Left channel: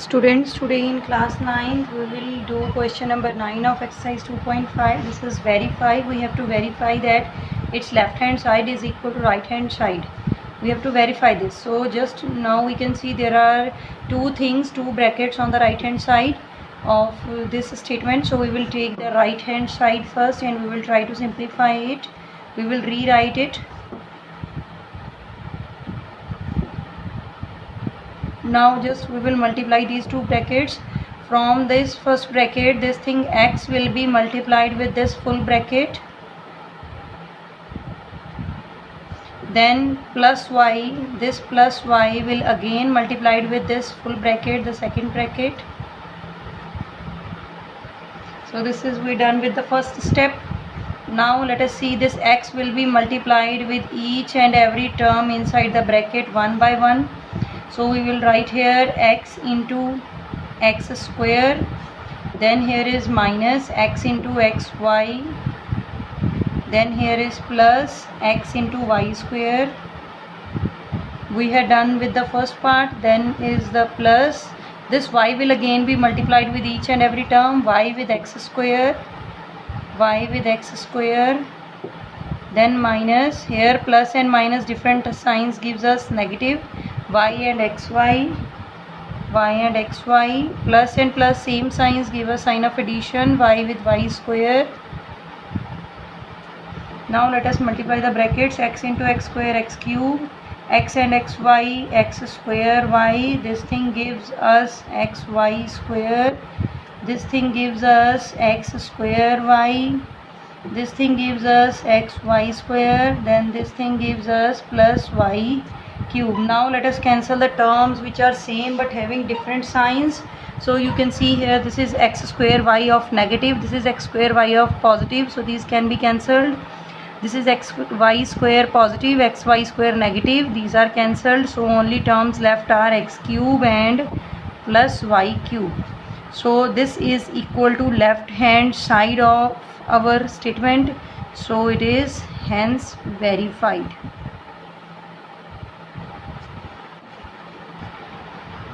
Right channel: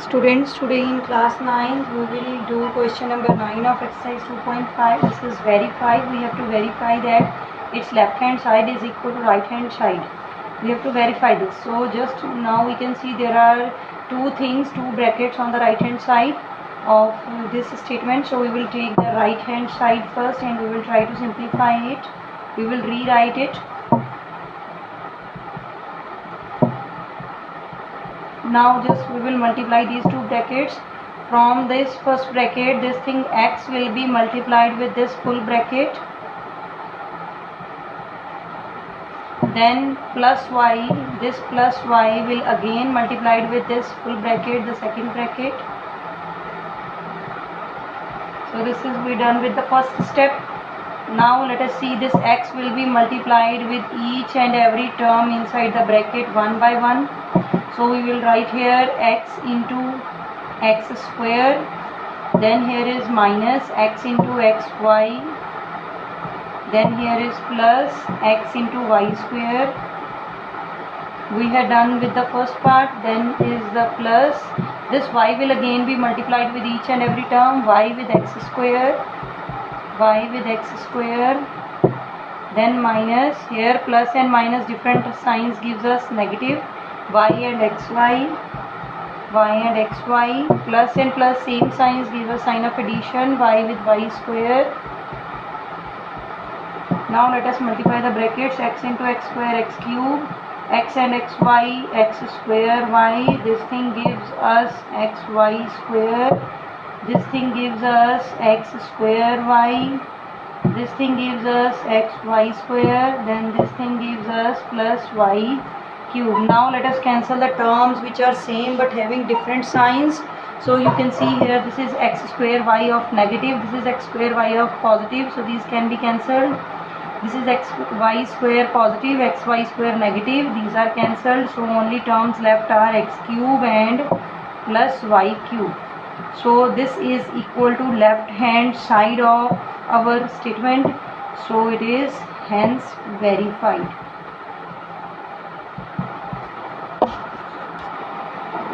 Students, today in class 9 we will do question number 9 of exercise 2.5. This is verify. We have to verify that its left hand side is equal to right hand side. We have to verify this. So just now we can see there are two brackets on the right hand side of this statement. So we will take the right hand side first and we will try to simplify it. We will rewrite it. Now just we will multiply these two brackets. From this first bracket, this thing x will be multiplied with this full bracket, then plus y, this plus y will again multiplied with this full bracket, the second bracket. So this is we done with the first step. Now let us see, this x will be multiplied with each and every term inside the bracket one by one. So we will write here x into x square, then here is minus x into xy, then here is plus x into y square. We had done with the first part. Then is the plus, this y will again be multiplied with each and every term, y with x square, then minus, here plus and minus different signs gives us negative, y and xy, plus and plus same signs give us sign of addition, y with y square. Now let us multiply the brackets, x into x square, x cube, x and xy, x square y, this thing gives us xy square, this thing gives us x square y, this thing gives us xy square, then this thing gives us plus y cube. Now let us cancel the terms which are same but having different signs. So you can see here, this is x square y of negative, this is x square y of positive, so these can be cancelled. This is xy square positive, xy square negative, these are cancelled. So only terms left are x cube and plus y cube. So this is equal to left hand side of our statement, so it is hence verified.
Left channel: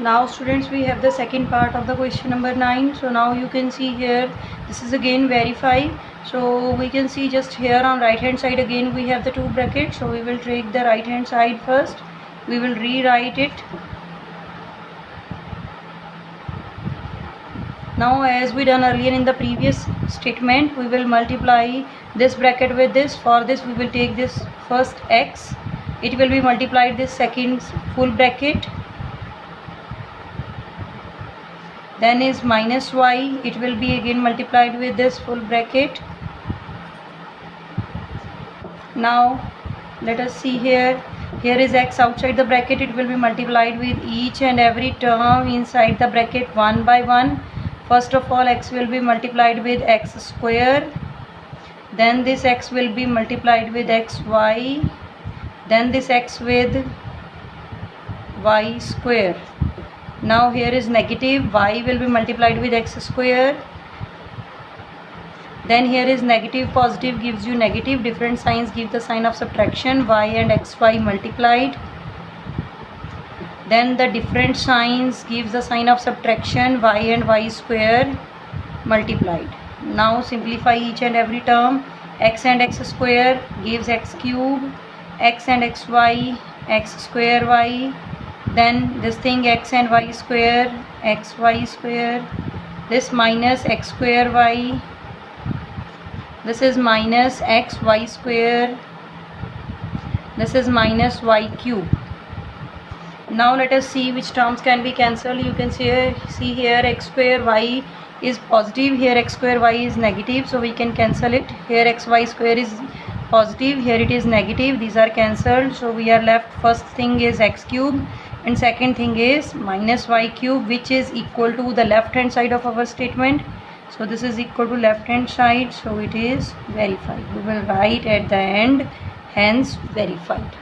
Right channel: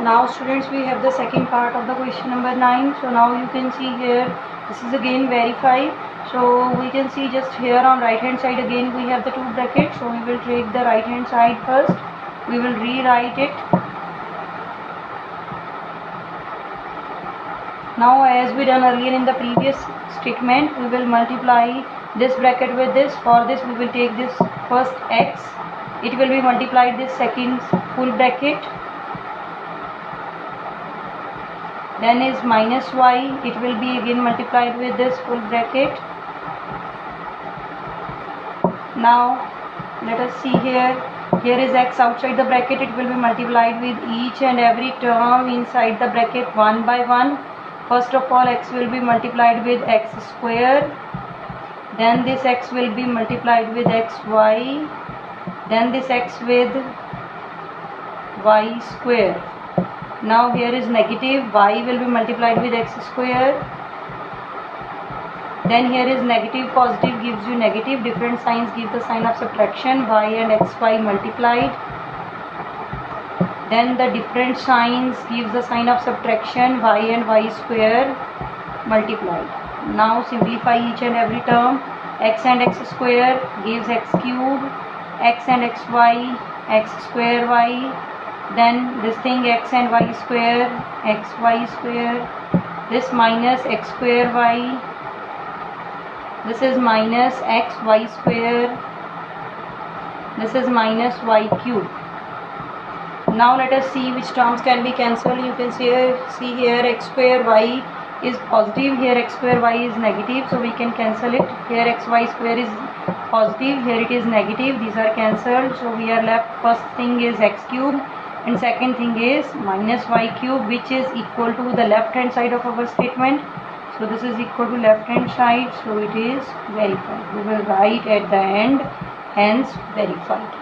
Now students, we have the second part of the question number 9. So now you can see here, this is again verify. So we can see just here on right hand side again we have the two brackets. So we will take the right hand side first, we will rewrite it. Now as we done earlier in the previous statement, we will multiply this bracket with this. For this we will take this first x, it will be multiplied this second full bracket, then is minus y, it will be again multiplied with this full bracket. Now let us see here, here is x outside the bracket, it will be multiplied with each and every term inside the bracket one by one. First of all, x will be multiplied with x square, then this x will be multiplied with xy, then this x with y square. Now here is negative, y will be multiplied with x square, then here is negative, positive gives you negative, different signs give the sign of subtraction, y and xy multiplied, then the different signs gives the sign of subtraction, y and y square multiplied. Now simplify each and every term, x and x square gives x cube, x and xy, x square y, then this thing x and y square, xy square, this minus x square y, this is minus xy square, this is minus y cube. Now let us see which terms can be cancelled. You can see here x square y is positive, here x square y is negative, so we can cancel it. Here xy square is positive, here it is negative, these are cancelled. So we are left, first thing is x cube and second thing is minus y cube, which is equal to the left hand side of our statement. So this is equal to left hand side, so it is verified. We will write at the end hence verified.